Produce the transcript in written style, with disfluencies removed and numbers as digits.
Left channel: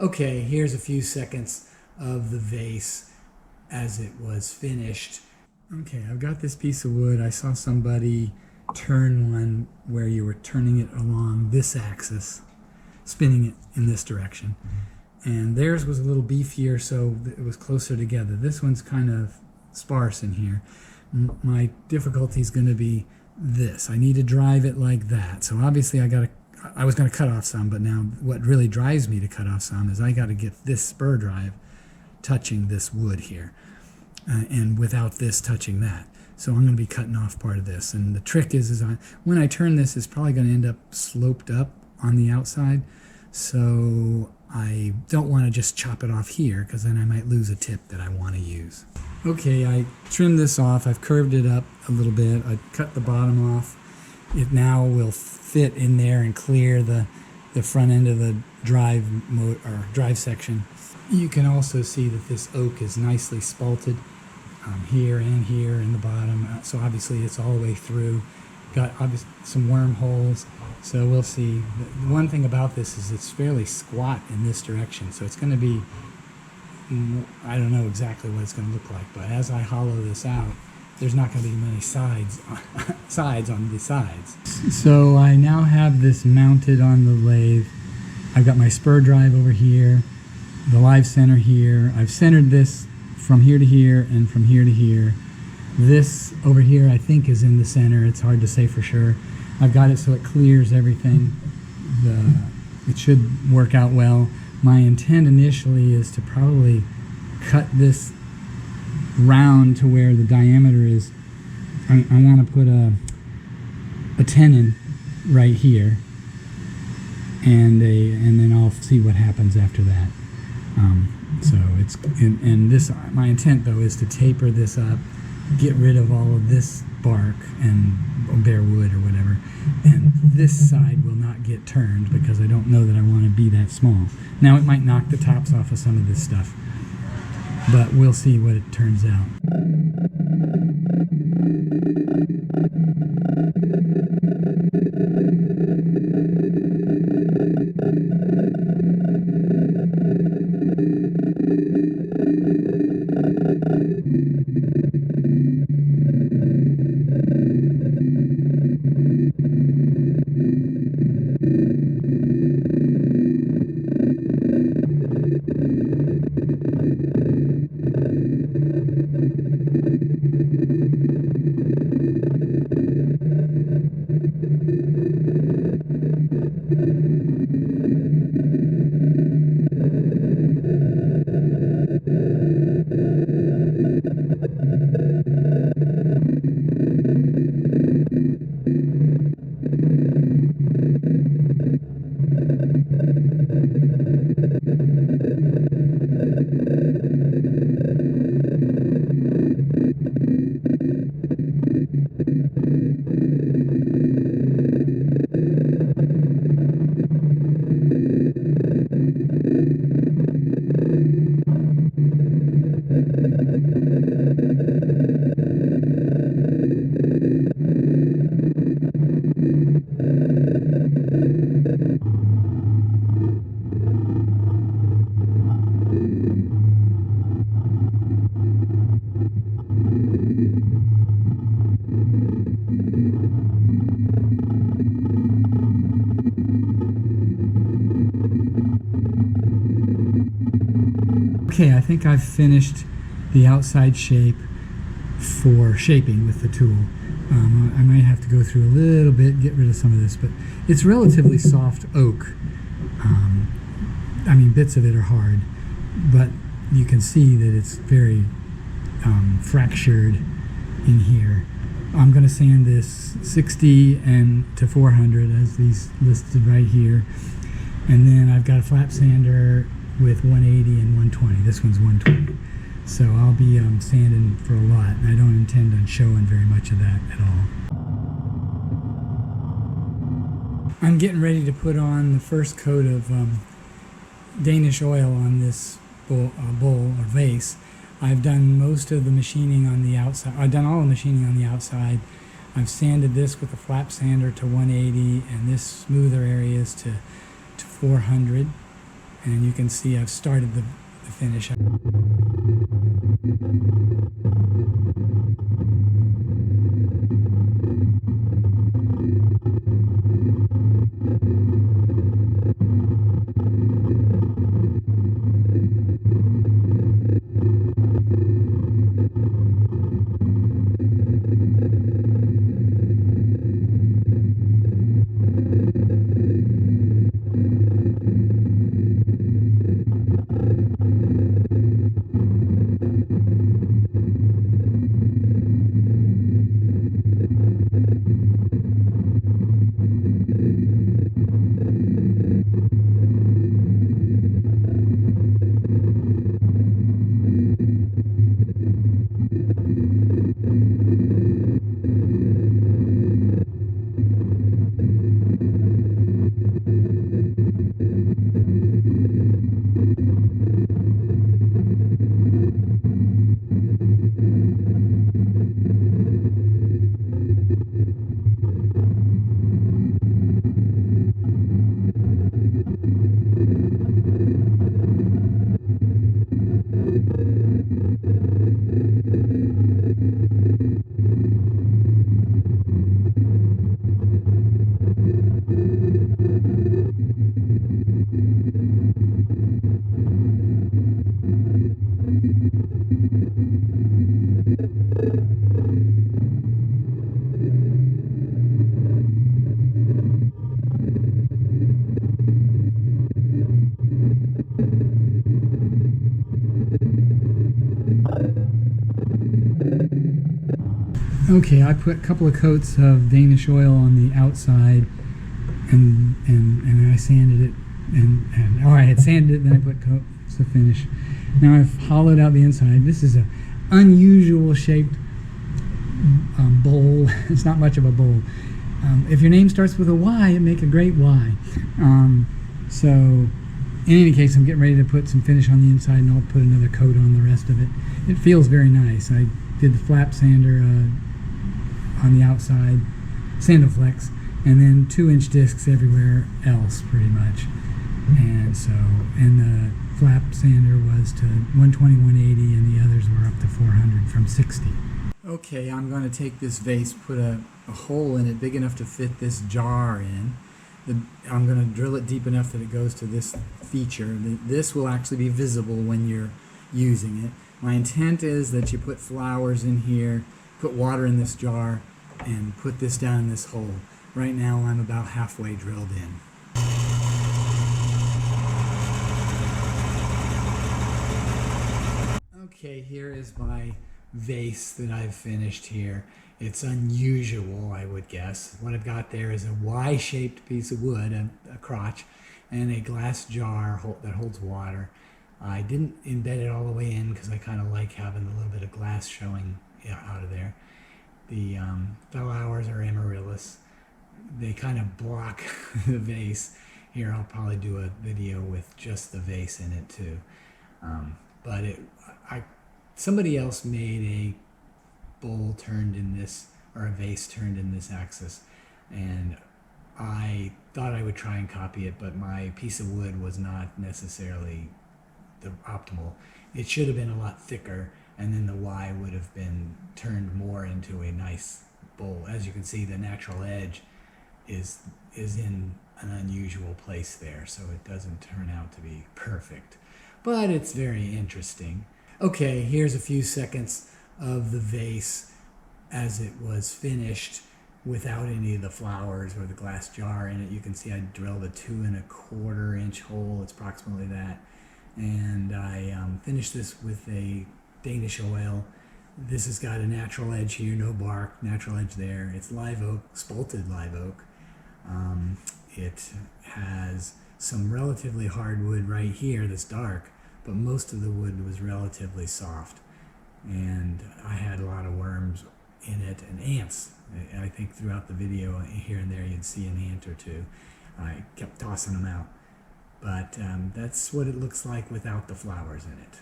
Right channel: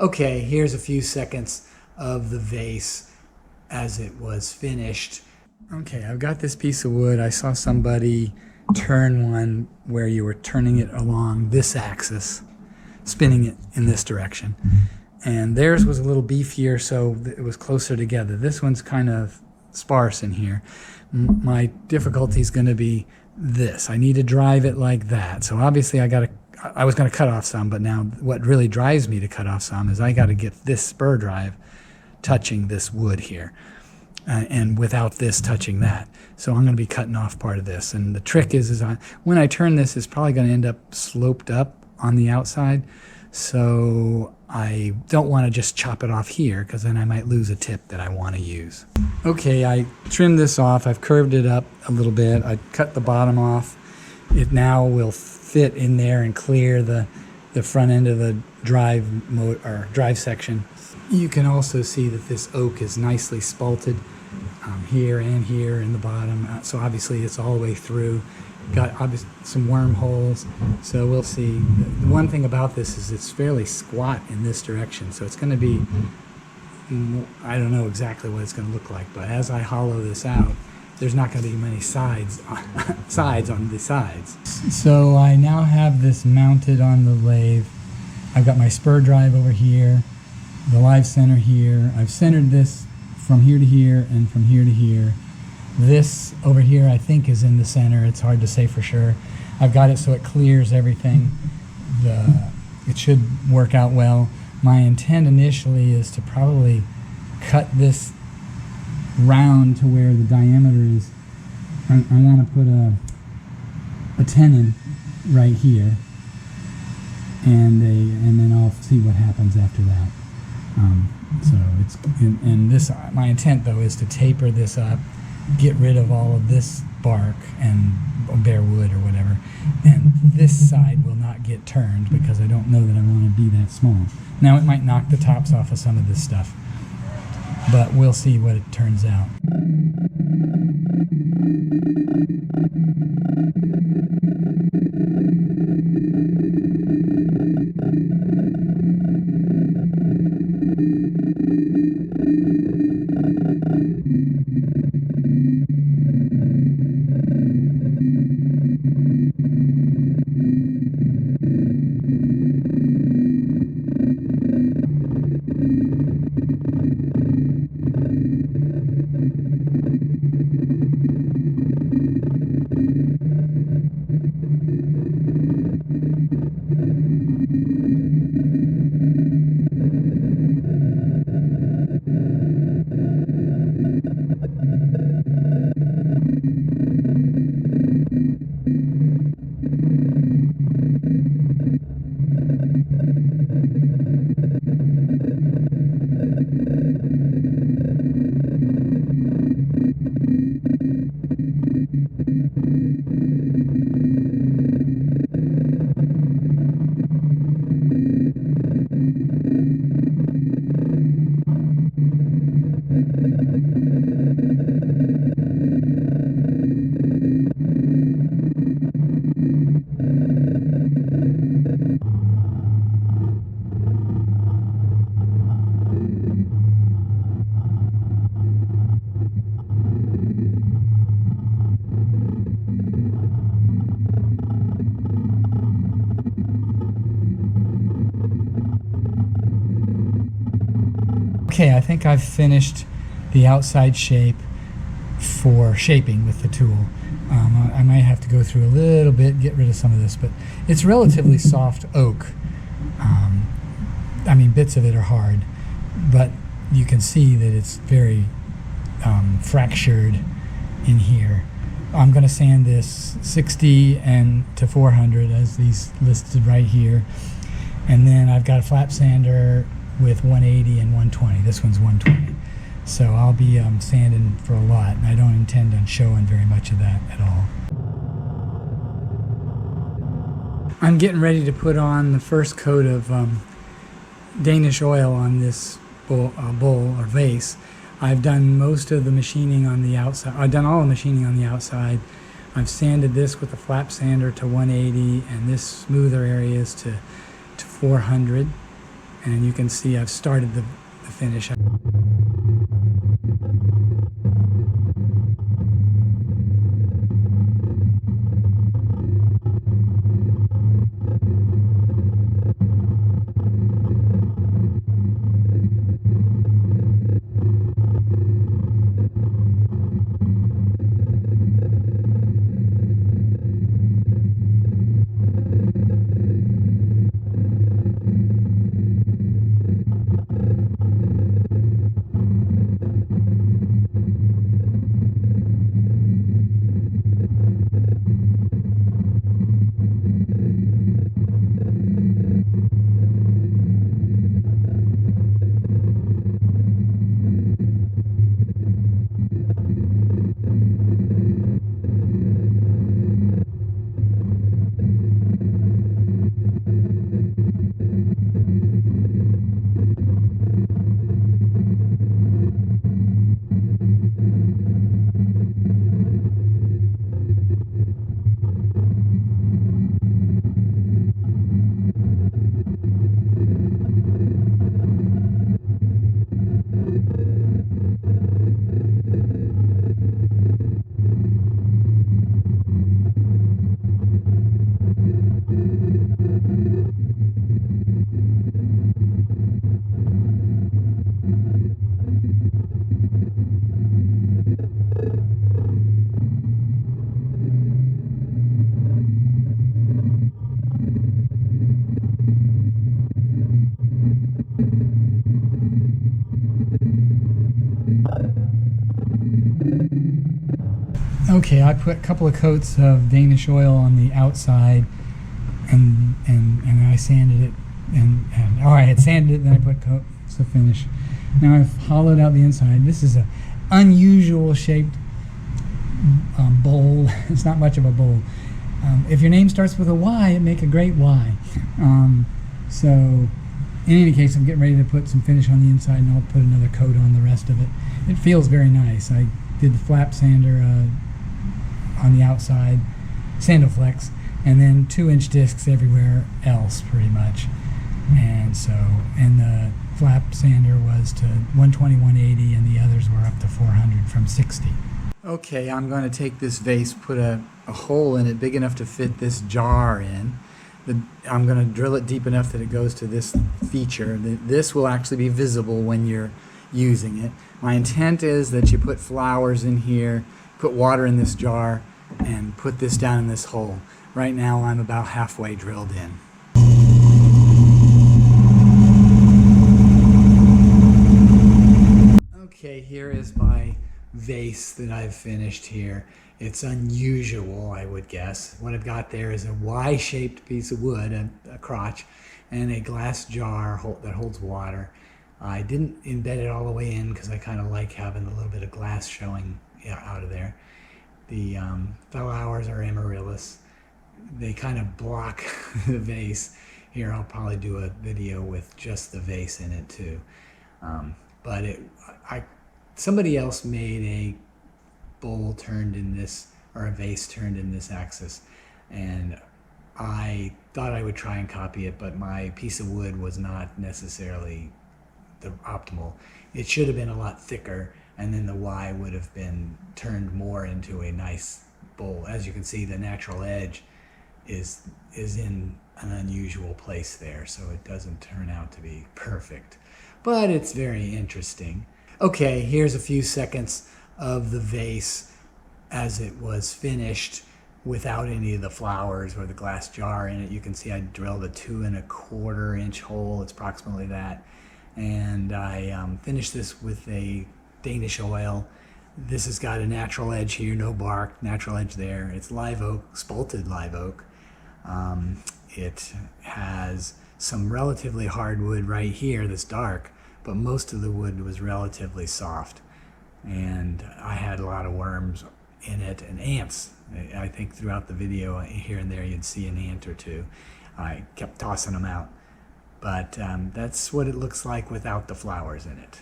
Okay, here's a few seconds of the vase as it was finished. Okay, I've got this piece of wood. I saw somebody turn one where you were turning it along this axis, spinning it in this direction. And theirs was a little beefier, so it was closer together. This one's kind of sparse in here. My difficulty is going to be this. I need to drive it like that. So obviously I was going to cut off some, but now what really drives me to cut off some is I got to get this spur drive touching this wood here, and without this touching that. So I'm going to be cutting off part of this. And the trick is when I turn this, it's probably going to end up sloped up on the outside. So I don't want to just chop it off here, because then I might lose a tip that I want to use. Okay, I trimmed this off. I've curved it up a little bit. I cut the bottom off. It now will fit in there and clear the front end of the drive section. You can also see that this oak is nicely spalted here and here in the bottom. So obviously it's all the way through. Got some wormholes. So we'll see. The one thing about this is it's fairly squat in this direction. So it's going to be, I don't know exactly what it's going to look like, but as I hollow this out, there's not going to be many sides on the sides. So I now have this mounted on the lathe. I've got my spur drive over here, the live center here. I've centered this from here to here and from here to here. This over here I think is in the center. It's hard to say for sure. I've got it so it clears everything. It should work out well. My intent initially is to probably cut this round to where the diameter is. I want to put a tenon right here, and then I'll see what happens after that. So it's and this, my intent though is to taper this up, get rid of all of this bark and bare wood or whatever, and this side will not get turned because I don't know that I want to be that small. Now it might knock the tops off of some of this stuff, but we'll see what it turns out. Okay, I think I've finished the outside shape for shaping with the tool. I might have to go through a little bit, get rid of some of this, but it's relatively soft oak. I mean, bits of it are hard, but you can see that it's very fractured in here. I'm going to sand this 60 and to 400 as these listed right here, and then I've got a flap sander with 180 and 120. This one's 120. So I'll be sanding for a lot, and I don't intend on showing very much of that at all. I'm getting ready to put on the first coat of Danish oil on this bowl or vase. I've done most of the machining on the outside. I've done all the machining on the outside. I've sanded this with a flap sander to 180 and this smoother areas to 400. And you can see I've started the finish. Okay, I put a couple of coats of Danish oil on the outside, and I sanded it, and I had sanded it, then I put coats of finish. Now I've hollowed out the inside. This is an unusual shaped bowl. It's not much of a bowl. If your name starts with a Y, it make a great Y. So in any case, I'm getting ready to put some finish on the inside, and I'll put another coat on the rest of it. It feels very nice. I did the flap sander on the outside, Sandoflex, and then 2-inch discs everywhere else pretty much. And so, and the flap sander was to 120, 180, and the others were up to 400 from 60. Okay, I'm going to take this vase, put a hole in it big enough to fit this jar in. I'm going to drill it deep enough that it goes to this feature. This will actually be visible when you're using it. My intent is that you put flowers in here, put water in this jar, and put this down in this hole. Right now I'm about halfway drilled in. Okay, here is my vase that I've finished here. It's unusual, I would guess. What I've got there is a Y-shaped piece of wood, a crotch, and a glass jar that holds water. I didn't embed it all the way in because I kind of like having a little bit of glass showing out of there. The flowers are amaryllis. They kind of block the vase. Here, I'll probably do a video with just the vase in it too. But somebody else made a bowl turned in this, or a vase turned in this axis, and I thought I would try and copy it, but my piece of wood was not necessarily the optimal. It should have been a lot thicker, and then the Y would have been turned more into a nice bowl. As you can see, the natural edge is in an unusual place there, so it doesn't turn out to be perfect, but it's very interesting. Okay, here's a few seconds of the vase as it was finished without any of the flowers or the glass jar in it. You can see I drilled a 2 1/4 inch hole. It's approximately that. And I finished this with a Danish oil. This has got a natural edge here, no bark, natural edge there. It's live oak, spalted live oak. It has some relatively hard wood right here that's dark, but most of the wood was relatively soft. And I had a lot of worms in it and ants. I think throughout the video here and there you'd see an ant or two. I kept tossing them out. But that's what it looks like without the flowers in it.